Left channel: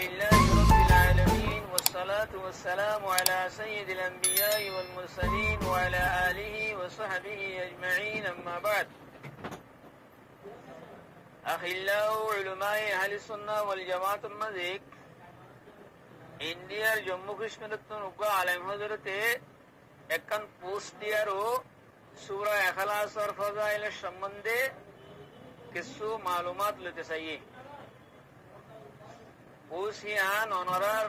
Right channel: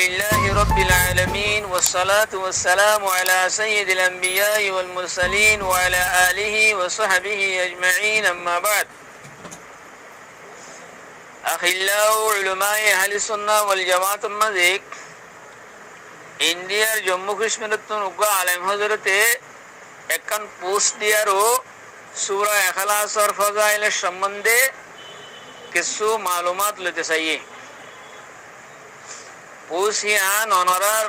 لله رب العالمين والصلاة والسلام على سيد الأنبياء والمرسلين وعلى آله وصحبه أجمعين أما بعد أخلاء علماء أهل السنة والجماعة المذيك ইন্ডিয়ার জম্মু কাশ্মীরের উগ্র আলেম হজরতে একখান পোস্ট দিয়ারও সূরা ইখলাসর ফজাইলের সম্বন্ধে কিছু মালুমাত লইতে চাইয়ে পোস্ট ইয়ান অনরার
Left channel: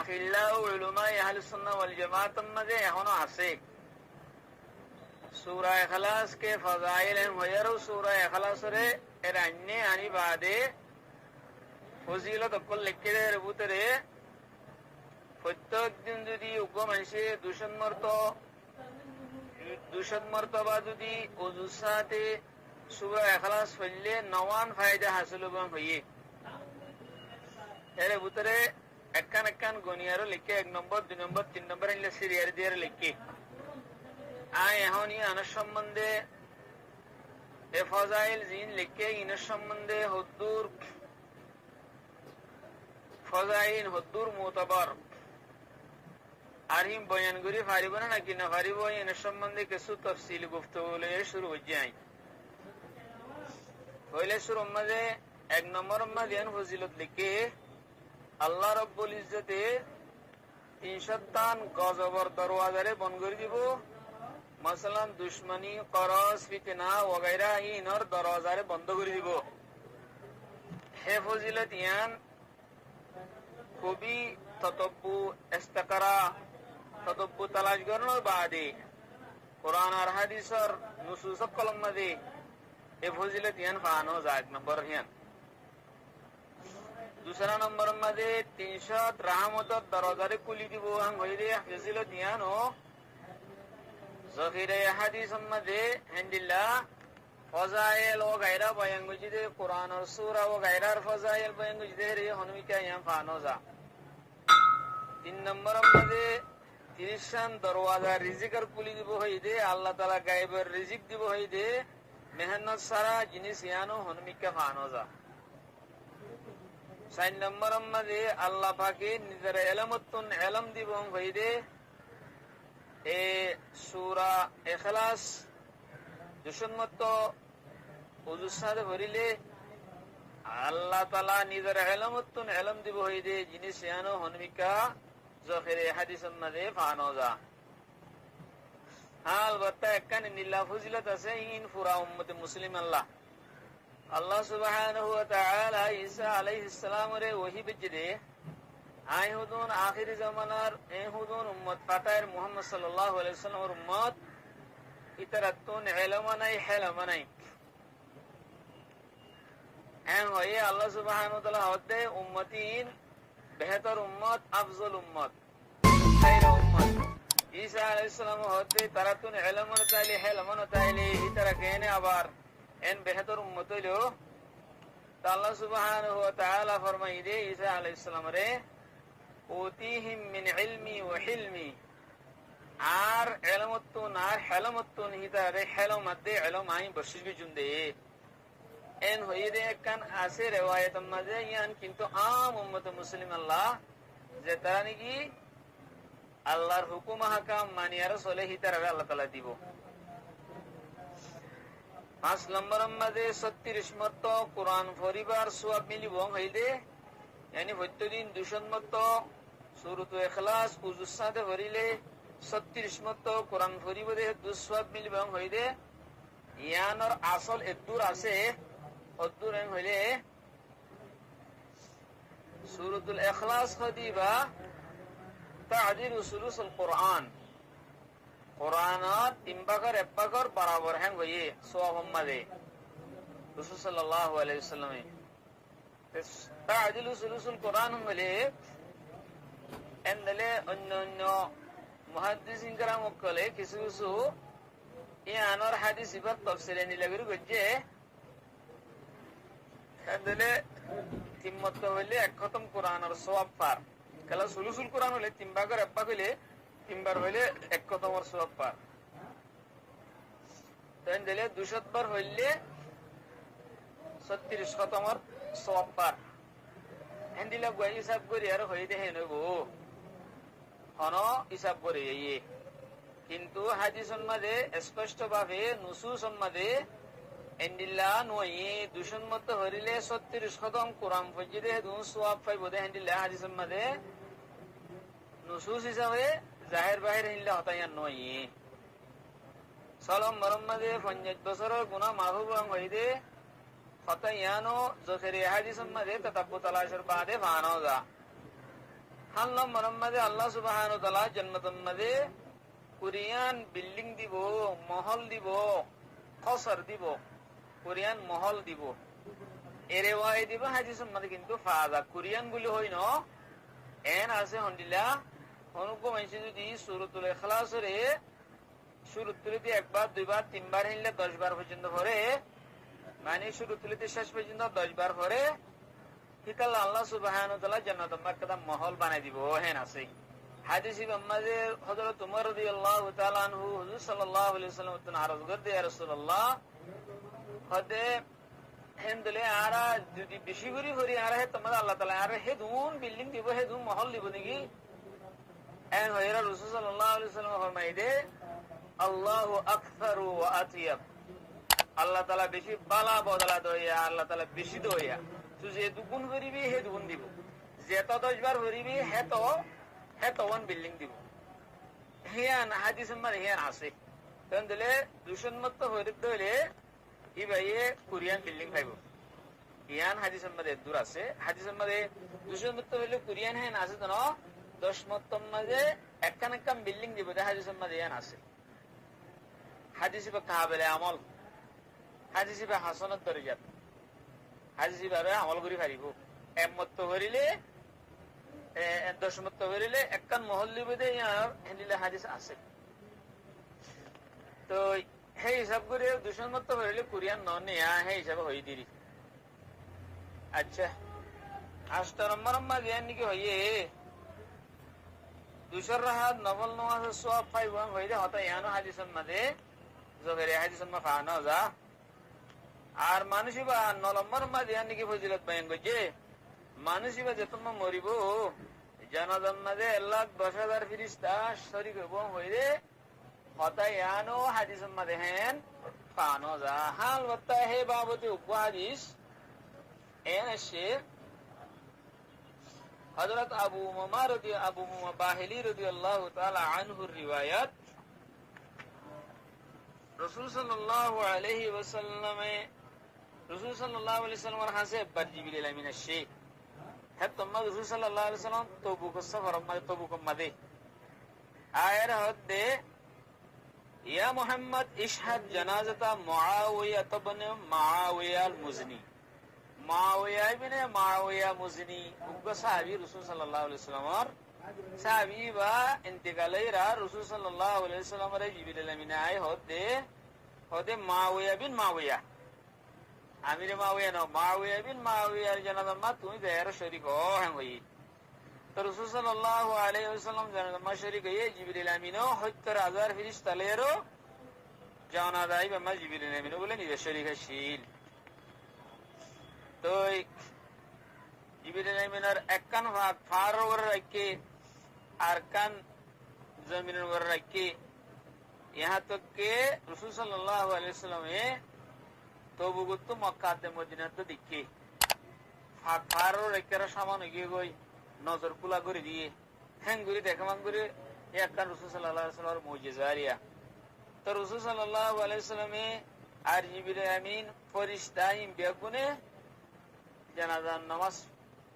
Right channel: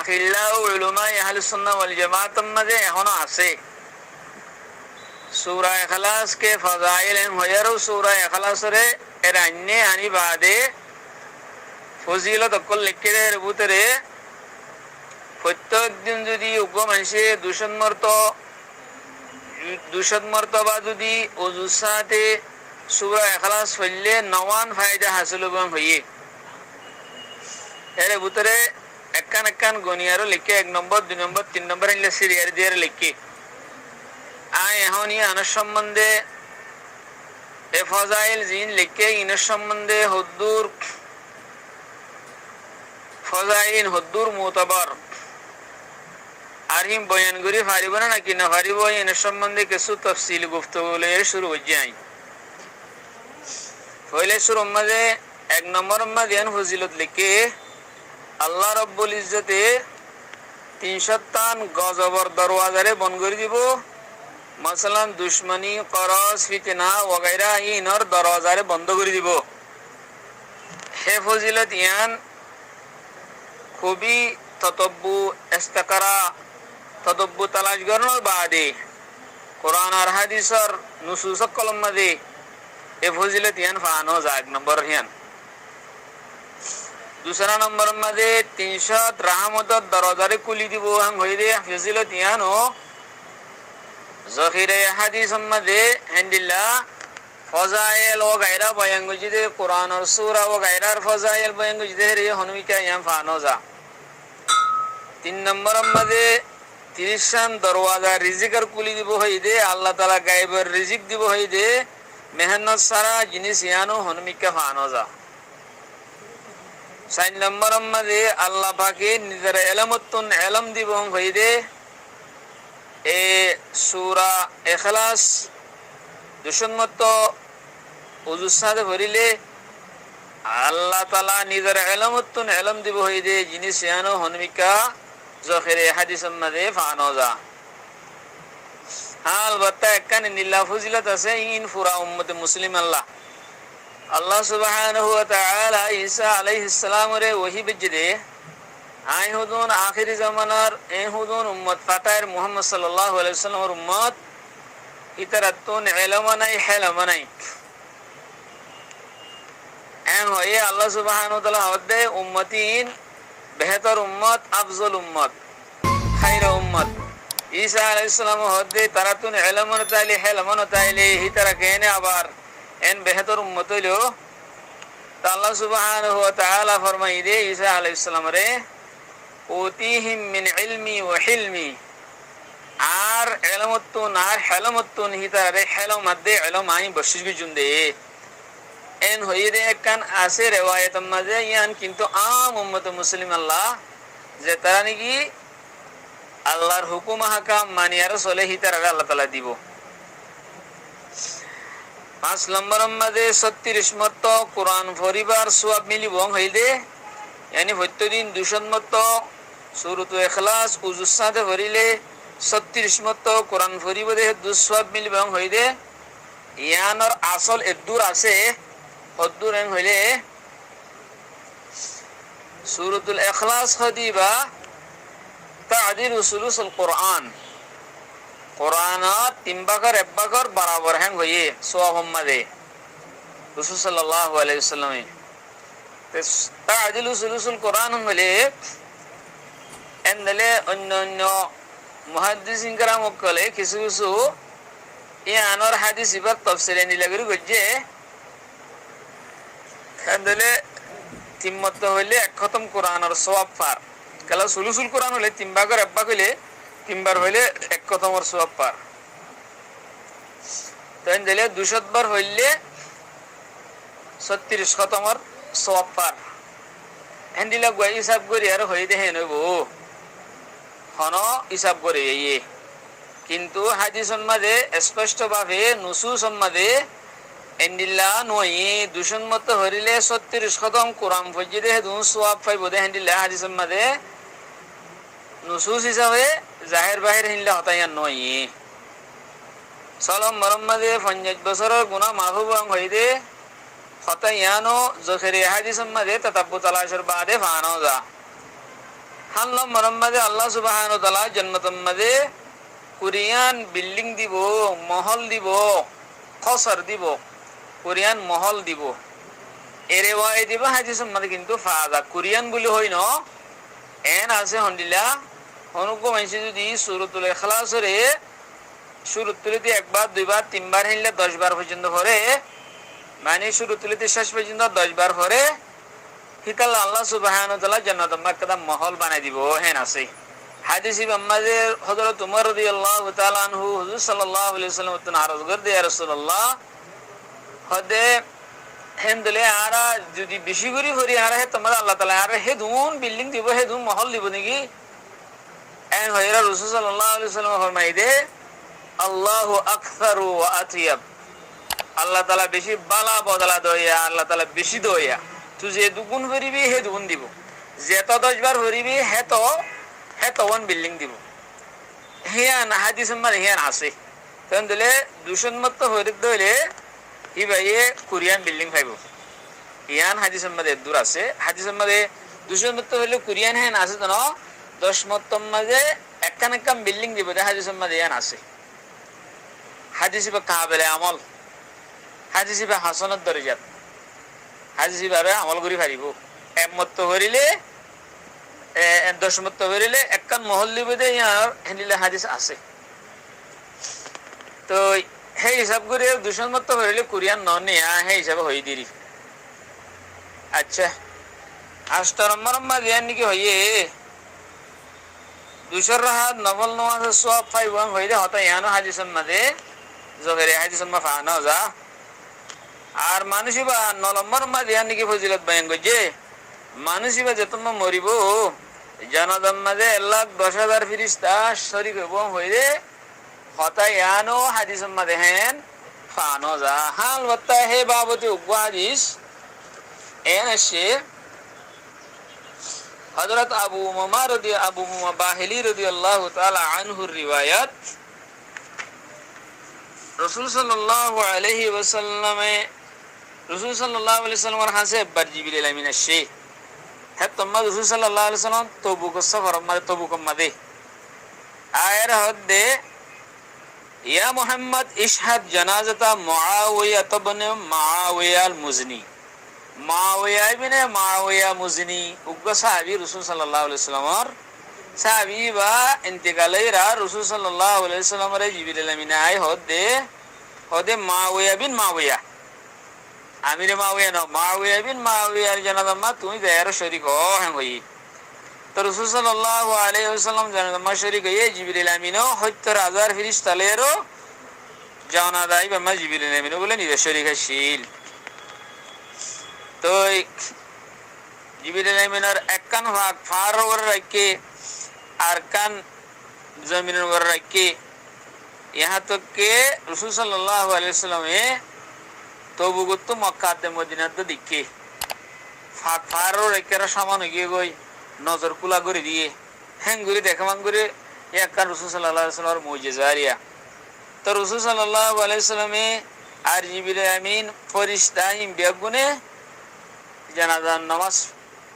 আখিল্লা উলুমা আহলুস সুন্নাহ ওয়াল জামাতের মধ্যে এখনো আছে সূরা ইখলাস কে ফজাইল হয়ারও সূরা ইখলাসরে এর আন্নে আনি বাদে ফজিলত অকল লিখিদের ভিতরে প্রত্যেক দিন যদি উগ্র মানুষে দুশত মর্তবা যদি ওযুর সাথে সূরা ইখলাস পড়লে 9 ফায়দা হাসিল হইয়ে এর ভিতরে একখান গনিয়ারও লিখে 1 নম্বর 2 নম্বর 3 নম্বর ইনলে সিরিয়ার দিয়ে লিখে আয় এখনই আনার সম্বন্ধে এ ফজাইল জিন লিখে ইনের সম্বন্ধে হুদ্দুর ফজাইল হুদ্দুর মুতাবার আর হিম বয়ান করি পারিব না নাকি না পারিব এর সম্বন্ধে কিছু তাফসীল গুফতগু লয়ে শুরু হয়ে যায় পয়লে শুরুর মধ্যে 1 নম্বর মধ্যে ফজিলত লিখে আল্লাহ রাব্বুল ইজ্জতে 300 গজবর দরওয়াজারে বন্ধ করে দিব মাসালান দুশমনি করাস ফিতনা ওগাইরা ইনর দরওয়াজারে বন্ধ করে দিব হে ফজিলত ইয়ান খুবই ততব্বু ইস্তিকরা তদব্বু তালাশ করার বাদে কোরআন আর হাদিসের নুসুস কলম মধ্যে এ ফজিলত ইয়ান ফানো যা 1 নম্বর ইয়ান दूसरा नंबर मध्ये 300 रहमतत दरवाजारे खुली দিব हम হইরে ফজিলত ইয়ানো জহিরে হাদিস मध्ये হামদুলিল্লাহ ফজাইল ও গায়রা বয়ান গজিদে কোরআন আর সূরা ও গায়রার ফজাইল বয়ান গজিদে রে হনমিকা ইয়াম ফানো যা 3 নম্বর मध्ये 30 দরওয়াজা রিজিকের খুলি দিব হইদে আল্লাহ তাআলা গায়বের রিজিক দিব হইদে মেহনত সারা জিনিস ইয়ানো হনমিকা ফানো যা 4 নম্বর মধ্যে আল্লাহ পাকে নিজের ইলমতুন ইলম দিব হইদে এ সূরা ইখলাস দুশমত ওযুর সাথে ভরিলে আল্লাহ তাআলা নিজের ইলমতুন ইলম দিব হইদে জিনিস ইয়ানো হনমিকা জহিরে হাদিসের মধ্যে ফানো যা আলবাত্তা একখানে নিল্লা ফজিলত আছে ইন পুরা উম্মতে মুসলিম আল্লাহ সুবহানাহু ওয়া তাআলা ঈসা আলাইহিস সালাম রে ওহী বিজদে আই হুদুন আখিরি জামানার এ হুদুন উম্মত ফাতায়ের মুহাম্মদ সাল্লাল্লাহু আলাইহি ওয়াসাল্লামের উম্মত ইতারাতুন ইলম নাই হিলম নাই এন হয়ে আল্লাহ সুবহানাহু ওয়া তাআলা হদে উম্মতিন বেহতর উম্মত আফজল উম্মত খায়রা উম্মত ঈসা আলাইহিস সালাম হদে তারাতুন ইলম তাইলে হিলম তাইলে হিতারা কেনে আবার এন বেহতর উম্মত হইলো আল্লাহ সুবহানাহু ওয়া তাআলা ফরমাই দে ঈসা আলাইহিস সালাম রে ওতিহিম মিন ইলমি ওয়া হিলমি আর ইলমতুন আর হিলমতুন হিতারে হিলম মধ্যে ইলম আই বশিশ জুন্দে এন হইরে কান আছে riwayat মধ্যে ইয়ান কিন্তু আম উম্মত মুসলিম যে তারা নাকি আল্লাহর হুকুম হাকাম মানিয়া রাসূল হিতারে আল্লাহ তাআলা দিব 5 নম্বর মধ্যে 36 মত কোরআন পরিবার সওয়াব মিলিব হইলে यानी প্রতিদিন 200 মত সূরাতুল ইখলাস ওযুর সাথে পড়িলে 36 মত কোরআন পরিবারে 200 সওয়াব মিলিব হইলে ইয়ানর আসল এদুর আছে অদুর হইলে সূরাতুল ইখলাস খদিবা তা'দিল সুলুসুল কোরআন কোরআনত 3 ভাগের 1 ভাগের বরাবর হ্যাং হইয়ে সওয়াব মধ্যে রাসূল সাল্লাল্লাহু আলাইহি ওয়াসাল্লাম তা'দিল সুলুসুল কোরআন হলে এন্ডলে অন্য মুহাদ্দিসিন کرام কলে কিছু কিছু ইয়ানর হাদিস ইবার তাফসীর নি লাগরি গজে এন্ডলে তিম্মত হইলে এক খতম কোরআনের সওয়াব পার কালা সুলুসুল কোরআন হলে 3 ভাগের 1 ভাগ হইলে 3 বার হইলে এক খতমের সওয়াব পার তাই দিলে 200 বার হইলে 36 খতমের সওয়াব পার হেন্দিলা গুয়া হিসাব করি আর হয়ে দেখে নেব হন হিসাব করে ইয়ে কিন্তু হাদিস সম্মাদে স্পষ্টভাবে নুসু সম্মাদে এন্ডিল্লা নয় দূষণ মত হরিলে 36 কদম কোরআন ফজিদে দুন সোয়াব পাইব দে হেন্দিল্লা হাদিস সম্মাদে নুসুস হিসাবে জাহের বাহির হিল্লা হতাইয়া নয় সলম মরম্মাদে 50 বছরের গুনাহ মাফ হইদে হতাইয়ানো জখেরে হাদিস সম্মাদে তাতাব্বু তালাশের বাদে ফানো যা হাল্লাম মরম্মাদে আল্লাহ সুবহানাহু ওয়া তাআলা জান্নাতুল মাদে কোরিয়ান বিল্ডিং দিব মহল দিব খসর দিব কোরিয়ান মহল দিব এরে ওয়াই দিব হাদিস সম্মাদে কিন্তু ফাজা কোরিয়ান বলি হই ন এন আছে হন্দিলা অনুকো মাইসি যদি সূরাতুল ইখলাসের শুরুতে একবার দুইবার তিনবার হিললে 10 বার পর্যন্ত পড়ে মানে শুরুতে শেষ পর্যন্ত 10 বার পড়ে হিতাল আল্লাহ সুবহানাহু ওয়া তাআলা জান্নাতুল মাক্কাদা মহল বানাই দিব হেন আছে হাদিসে আমাদের হযরত উমর রাদিয়াল্লাহু তাআলা আনহু হুজুর সাল্লাল্লাহু আলাইহি ওয়াসাল্লাম তো আরজ করে ইয়া রাসূলুল্লাহ হদে হেন্দলে আরা যদি বেশি করে হরি আরা হে তোমার আল্লাহ তাআলা আরা হে দুন বিল্ডিং দিব হে দুন মহল দিব নাকি এন হয়রা রাসূল সাল্লাল্লাহু আলাইহি ওয়াসাল্লাম ফরমাই দে আল্লাহু আকবারু ওয়া আতিয়াব আল্লাহ তাআলা বেশি বালা বদলা দয়া আল্লাহ তাআলা বেশি দয়া তুই যে দুগুণ হরিবি হে দুগুণ দিব যে তো 10 বার হরিবি হে তো ওয়ান বিল্ডিং দিব হিয়ান হাদিস মানে হিয়ান আছে তখন দিলে দূষণ মত হরিদ দইলে ই ভাইয়ে কোরিয়ান বিল্ডিং পাইব হিয়ান হাদিস মধ্যে দূর আছে হাদিস মধ্যে দূষণ মত হইলে কোরিয়ান হেন আছে তো 10 মত মাঝে একখান একখান বিল্ডিং দিব হাদিস মধ্যে হিয়ান আছে হাদিস বা কাবিলে আমল হাদিস বা হাসানাত দরজাত হাদিস ভাবে আমল করি পারিব একমত হরিলে 10 মত হরিলে একখান মহল দিব দে ইয়ার হেনিলে হাদিস আছে তো সেই হিসাব করে দূষণ মত হরিলে কোরিয়ান ননে হে হিসাবে হই দিরি আচ্ছা 8 নম্বর মাঝে নাকি হইয়ে দুশর রাহাত নফল নামাজ সওয়াব পাইবাং হইলে হতা ইয়ানো হাদিসের মাঝে জোহরে হাদিসের মা ফানা যা আর মানুষিবা 9 নম্বর মাঝে নাকি ফজিলত বয়ান করছে মানুষিবা যতম মরিব জানাজার মাঝে 1,10,000 ফেরেশতা শরীক হইব হইলে হতা ইয়ানো হাদিসের মাঝে হেন ফানো যা হাল বত্তা হে বাবতে উগ্র হাদিস এন এসে হযরত আবু উমামা বাহিলি রাদিয়াল্লাহু তাআলা আনহুর রিওয়ায়াত রাসূল সাল্লাল্লাহু আলাইহি ওয়াসাল্লামের হাসে বার জিবরিল আমিন আসে হে তোমরা রাসূল সাল্লাল্লাহু আলাইহি ওয়াসাল্লাম তবুক সফর তবুক মাদে আয়ের হদে ইয়া মুহাম্মদ ইশহাদ জানাজাতা মুআওিয়া ইবনে মুআওিয়া আল-মুজনি মুআওিয়া ইবনে মুআওিয়া মুজনি উগ্র সাহাবী রাসূল সাল্লাল্লাহু আলাইহি ওয়াসাল্লামের সাহাবী বা ইন্তেকালেরা রাসূল সাল্লাল্লাহু আলাইহি ওয়াসাল্লামের জিবরিল আমিন আই হদে মুআওিয়া বিন মুআওিয়া আমির মুআওিয়া না মুআওিয়া বিন মুআওিয়ার জানাজা মা তুমি দেয়ার শরীক হই তো রাসূল সাল্লাল্লাহু আলাইহি ওয়াসাল্লাম জানাজা মা শরীক হয়ে জিবরিল আমিন 70,000 ফেরেশতালেরও জানাজাই বা জিবরিল আমিন বলে নিজে শরীক শিল তো জিবরিল আমিনের একখান ভাগ ফার ওর রাখে আর কান জমিনের ওর রাখে यहाँ तक के रसूल सल्लल्लाहु अलैहि वसल्लम तबुगत मक्काते मदीनाते दिखे फारो रेकेरा सामान गए गई नजर कुला করে দিয়ে হেঙ্গুরি দেখামান করে একখান রসুল সাল্লাল্লাহু আলাইহি ওয়াসাল্লামের মুজিজারিয়া তো রসুল সাল্লাল্লাহু আলাইহি ওয়াসাল্লামে আর জিবরিল আমিন ফেরেশতা বেগুনে জানাজার নামাজ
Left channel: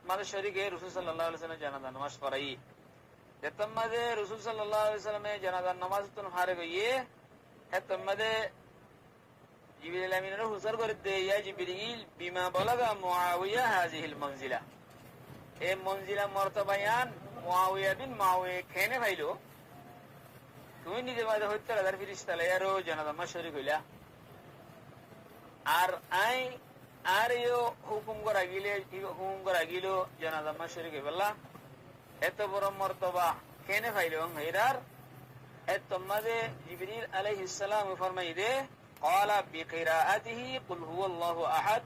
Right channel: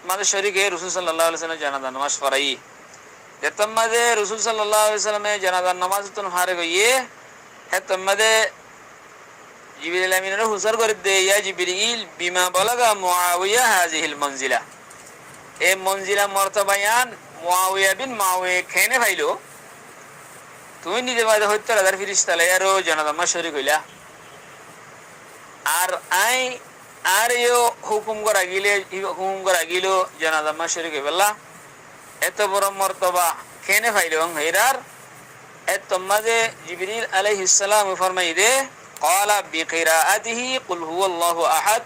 মানে শরীকে রসুল সাল্লাল্লাহু আলাইহি ওয়াসাল্লাম জানাজার নামাজ পড়াই এতমাদে রসুল সাল্লাল্লাহু আলাইহি ওয়াসাল্লামে জানাজার নামাজ তো হারে গইয়ে এতমাদে জিবরিল আমিনের হুসার করে দে ইয়া জিবরিল বিমা বালাগা মুআওিয়া হাযিহিল মানজিলা এই মঞ্জিলা মর্তবায়ান মুআওিয়া বিন মুআওিয়া খেনে ভাইলো তুমি নিজে বাদে 70,000 ফেরেশতা লায়ারো জানাজা নামাজ শরীক হইলা আর আর ইও হুকুম করা গিলো জানাজা নামাজ শরীক হইলা এত বড় মর্তবা খেনে ভাইলো হেরার এত মাঝে জিবরিল আলাইহিস সালাম ফরমাই দে قال بقراءته قل هو الله احد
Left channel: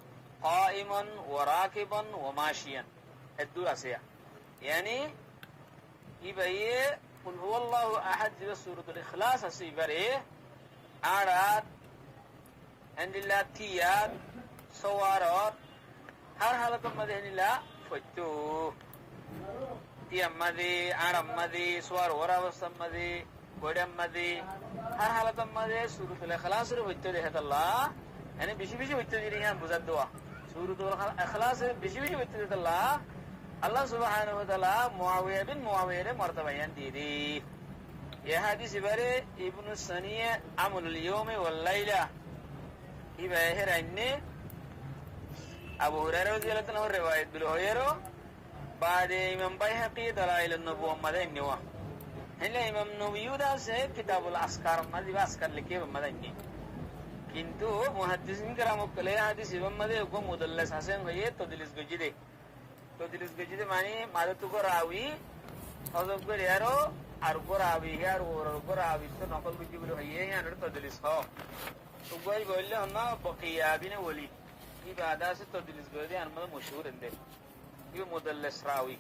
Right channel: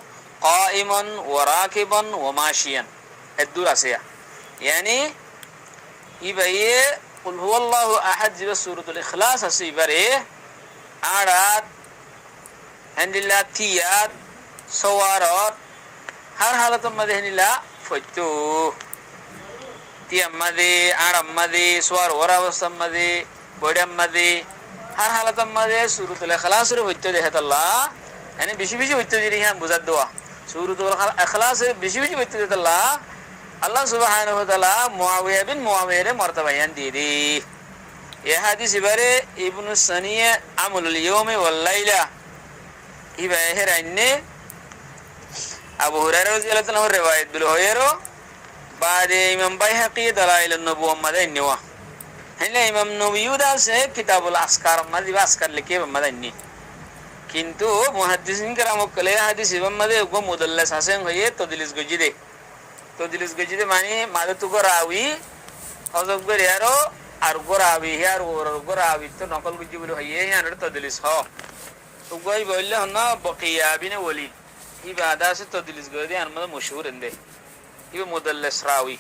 قائما وراكبا وماشيا এদুর আছে ইয়ানি ইবাইয়ে কুল হুয়াল্লাহু আহাদ জিবা সূরাতুল ইখলাস আছে ইবারে আড়াত হান্দিল্লা থিয়াত সওয়ারত har halatun made henila foitu tiam made aram made swar warawasam made bodam made har halatun made suratul ikhlas re foitu dehatalla yani bishi bishi foitu diri han bujad doa suratul ikhlas bishi bishi foitu dehatalla Allah subhanahu wa ta'ala Muawiyah bin Muawiyah re martabayan diri ye hadis ibare ibn saniya amulul yawmi wal layla iba herainne Abu Hurairah radhiyallahu anhu riwayat bil hoyero baade Imam Baihaqi dalail an-nubuwah madanniwa henla Imam Nawawi se kitabul askar madi askar likhe madanni kintu muhaddisin karam kale hadis ibn made go mudallas hasen hoye todlis gojide mani madatu ko rawi hozok ber yaro ar gorawi yar gorawi to nokol goji bol hoye yan todlis ho to goy bolle honna baqiya bin walid ibada se todlis godi anmada mashhur ende ibe mudallas rawi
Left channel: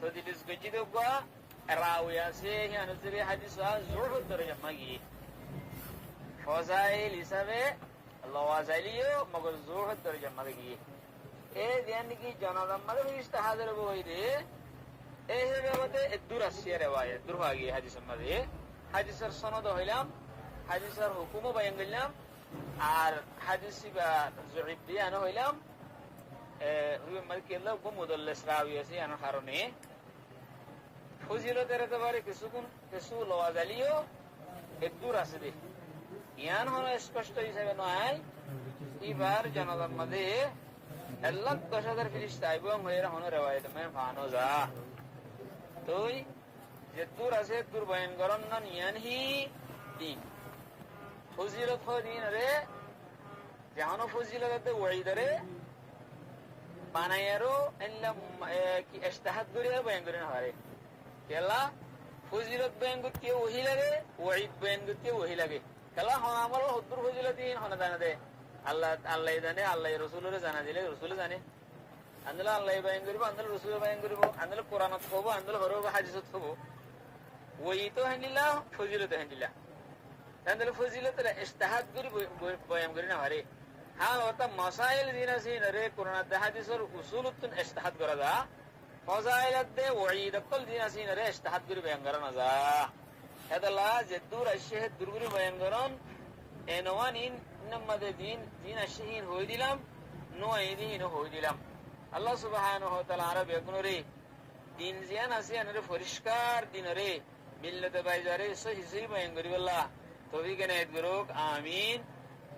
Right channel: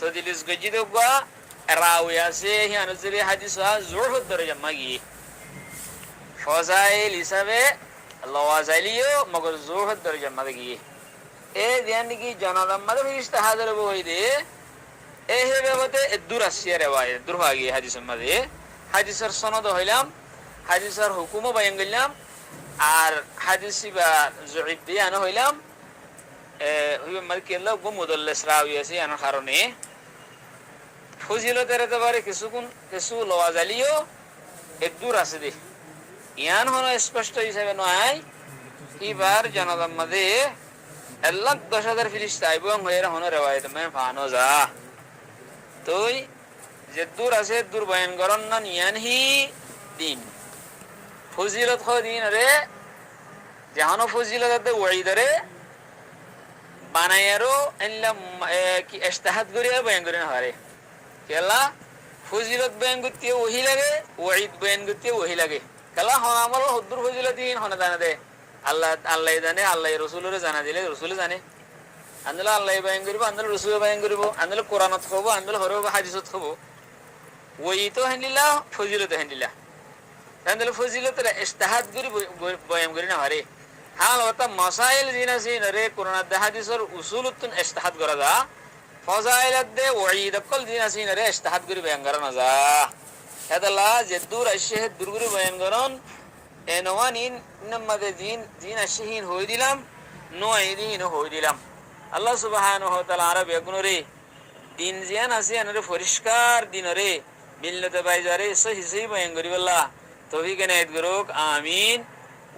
todlis godi do gwa rawi ase yan zuri hadis wa zuhud daraja magi fazail hisabe lawazaliyo magar zuhud daraja magi e diani ki janadam mad firishta hadar bo hoide e hebe bote dur asya riwayat dur hagi hadis made hadisar sanad hoilam hadisar hukumo bayangilam আর হাদিসি বা জয়ীফ বিয়ান হইলাম হুইবে মালকিল্লাহ গো মুদাল্লাস রাওয়ি আছে এর কারণে ফজিলতের এতবারে কিছু লওয়াজালিও একদূর আছে দে ইয়ান হলো স্পষ্ট হিসাবে নয় এবার জানালাম মাঝে আল্লাহ 10,000 ফেরেশতা এবং হয়ে হলো riwayat মে ফানো যা তুই যে দূর আছে দূর বয়ান করন না ইয়ানহি দিন ফজিলত দিন রে জাহানো ফজিলত ওয়াইদরে বানায়ারো এল্লা কি ইস্তাহাদ করিয়া বয়ান করে না হারে কেলা ফজিলত বয়ান করতে ওহি লাগে ওয়াইদ বয়ান করতে ওহি লাগে কেলা হন আমল হদ্দুর ফজিলতিন হন জানা দে আল্লাহ জানে আল্লাহ রাসূলের জানা দিলে রাসূল জানে আন্দলা আল্লাহ বয়ান করিব আন্দলা রাসূল বয়ান করিব আন্দলা কোরআনত কব আন্দলা হরব হাদিসত কব ওই তো হেনিলা ফজিলত হেনিলা আন্দলা ফজিলত ইস্তাহাদ করি বয়ান করি না হারে হাল ওটা মাসাইল জিনাসিন রে কোরআন দে হাদিসের উসুলুতুন ইস্তাহাদ করা যা ফজাইলত দে ওয়াইদ কল জিনাসিন রে ইস্তাহাদ করি বয়ান করা না যা হেদালা যে দূর আশে দুরগুরি বয়ান করন এনওয়ানিন নামাদে জিন আশহিন হই দিলাম নয়দিন হই দিলাম আল্লাহ সুবহানাহু ওয়া তাআলা আরব এগুনরে দিন জিয়ান আছে আনরে পরিষ্কার দিনরে মিল্লতে বাইজারে সহি বয়ান করি বল্লা তৌফিক এনায়েত করুক আমিন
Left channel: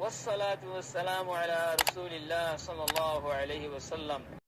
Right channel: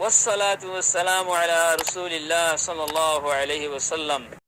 والصلاة والسلام على رسول الله صلى الله عليه وسلم